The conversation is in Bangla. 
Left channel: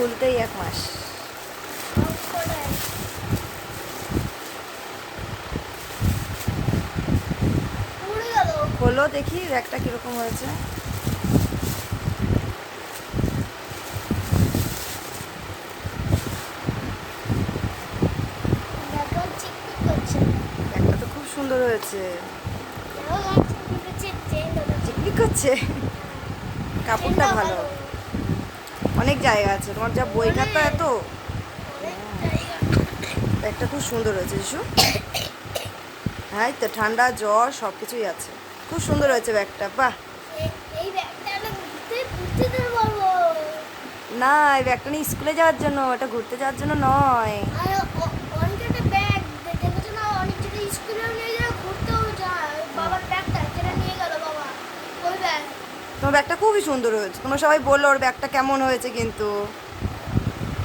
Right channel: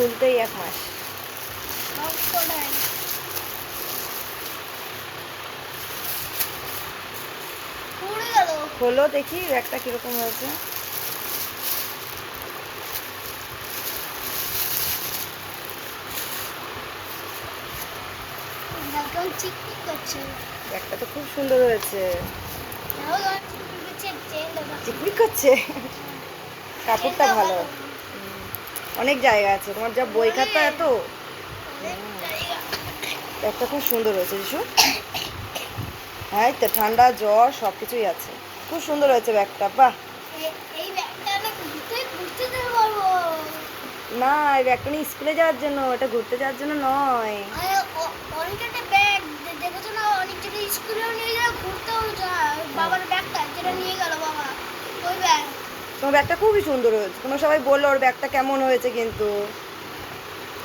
খুলতেই এক মাস। খোলো দেখি ব্যাগটা কীরকম হয়েছে। ব্যাগটা তো খুব সুন্দর হয়েছে। চিকমিক করছে। কাপড়টা ভালো। অনেক জায়গা আছে। তোমার যা বই খাতা এত? ব্যাগটা খুব সুন্দর হয়েছে যিশু। হ্যাঁ তো ঠান্ডা জ্বর সব কিছুই আছে। খুব সুন্দর হয়েছে ব্যাগটা বাহ। না এই ব্যাগটা নিয়ে স্কুলে যাওয়ার জন্য এটা ঘুরতে যাওয়ার জন্য নয়। তোমার ব্যাগটা খুবই সুন্দর হয়েছে। তোমরা সবাই বলল ওর ব্যাগটা কেমন হয়েছে কিন্তু।